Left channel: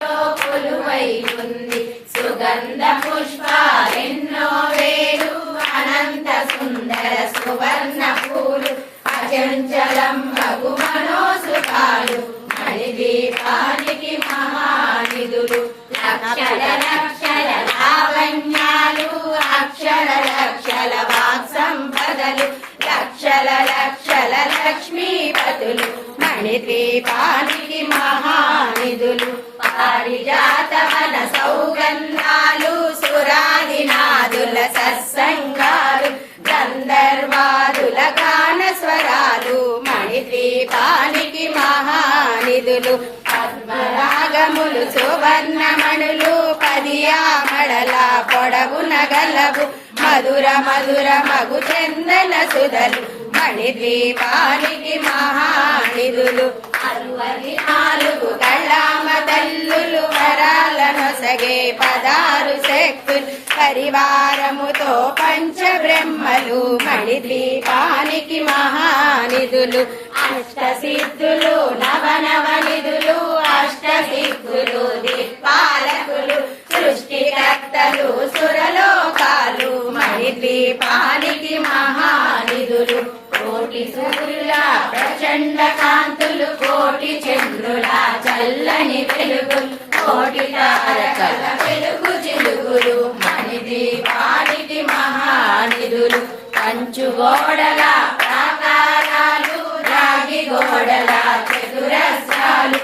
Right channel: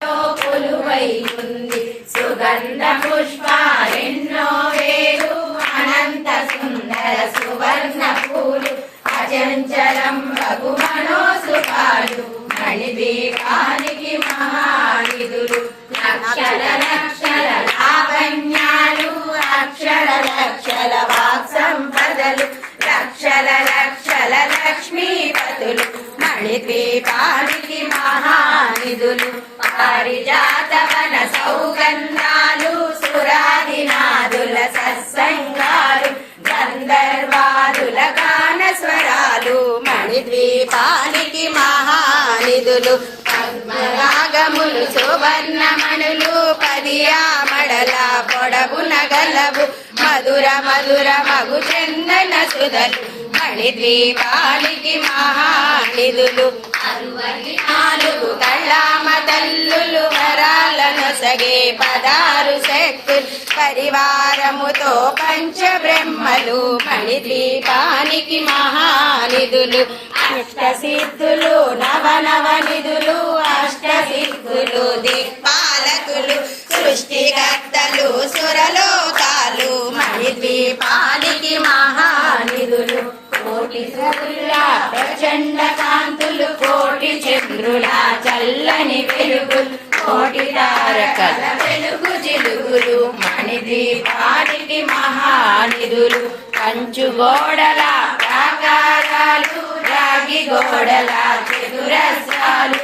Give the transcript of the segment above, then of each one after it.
కొలువై ఉంది సుగంధ పుష్పాలెన్నో వేలు అనంత సుందర సువర్ణ పూలు అచంచలం రఘు మనోసుకాలు మణిదీపానికి మహానిధులు లక్షల లక్షల లావణ్యాలు అక్షర లక్షల వాక్ సంపదలు లక్షల లక్షల లక్ష్మీపతులు మణిద్వీపానికి మహానిధులు పారిజాత వన సౌగంధాలు సురాదినాదుల సత్సంగాలు గంధర్వాదుల గాన స్వరాలు మణిద్వీపానికి మహానిధులు పద్మరాగములు సువర్ణమణులు పదియామడల పొడవున గలవు మధుర మధుర మగు చందన సుధలు మణిద్వీపానికి మహానిధులు 64 కళ్ళామ తల్లులు వరాలను సగే 16 శక్తులు పరివారముతో పంచబ్రహ్మలు మణిద్వీపానికి మహానిధులు అష్టసిద్ధులు నవనవనిధులు అష్టసిద్ధులు దిక్పాలకులు సృష్టికర్తలు సురలోకాలు మణిద్వీపానికి మహానిధులు కోటి సూర్యుల ప్రచండ కాంతులు కోటి చంద్రుల చల్లని వెలుగులు కోటి తారకల వెలుగు జిలుగులు మణిద్వీపానికి మహానిధులు కంచు గోడల ప్రాకారాలు రాగి గోడల చతురస్రాలు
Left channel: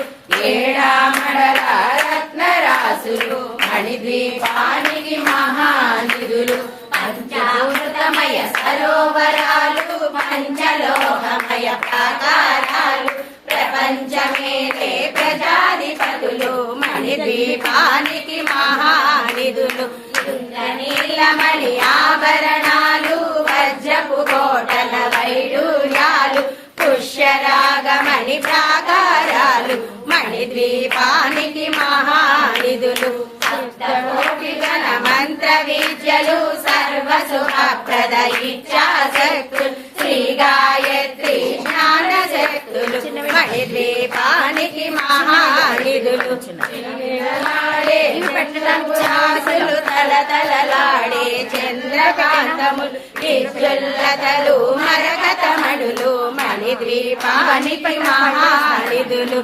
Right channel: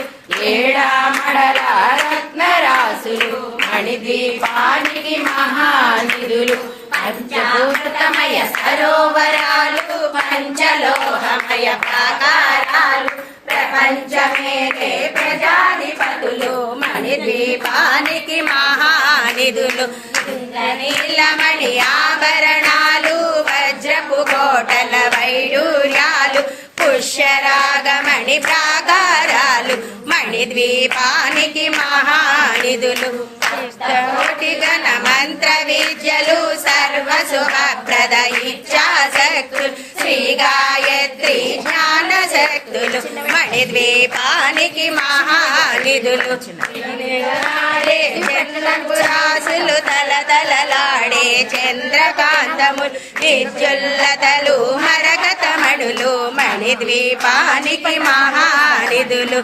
ఏడామడల రత్నరాసులు మణిద్వీపానికి మహానిధులు పంచభూతమయ సరోవరాలు పంచలోహమయ ప్రాకారాలు ప్రపంచమేలే ప్రజాధిపతులు మణిద్వీపానికి మహానిధులు నీలమణి ఆభరణాలు వజ్రపు కోటల వైడూర్యాలు పుష్యరాగమణి ప్రాకారాలు మణిద్వీపానికి మహానిధులు కోటి గణ మంత్ర విద్యలు సర్వశుభప్రద ఇచ్ఛాశక్తులు శ్రీ గాయత్రి జ్ఞాన శక్తులు మణిద్వీపానికి మహానిధులు చంద్రపురాసులు తలతలలాడే చంద్రకాంతములు విద్యుల్లతలు మరకతమణులు మణిద్వీపానికి మహానిధులు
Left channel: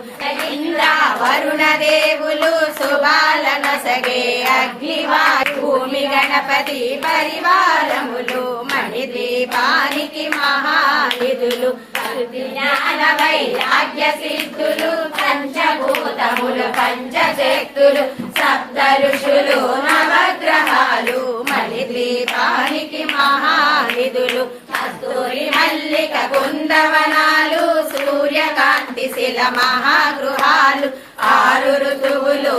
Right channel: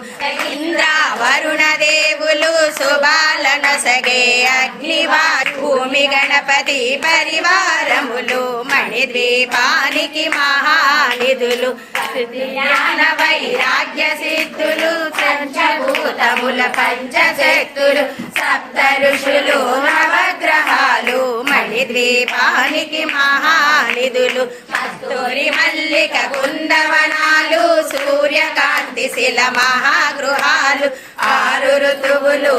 ఇంద్రావరుణ దేవులు శుభాలన సగే అగ్నివారు భూమి గణపతి పరివారములు మణిద్వీపానికి మహానిధులు జ్ఞాన వైరాగ్య సిద్ధులు పంచభూతముల పంచశక్తులు సప్త ఋషులు నవగ్రహాలు మణిద్వీపానికి మహానిధులు కస్తూరి మల్లిక కుందవనాలు సూర్యకాంతి శిల మహాగృహాలు 6 ఋతువులు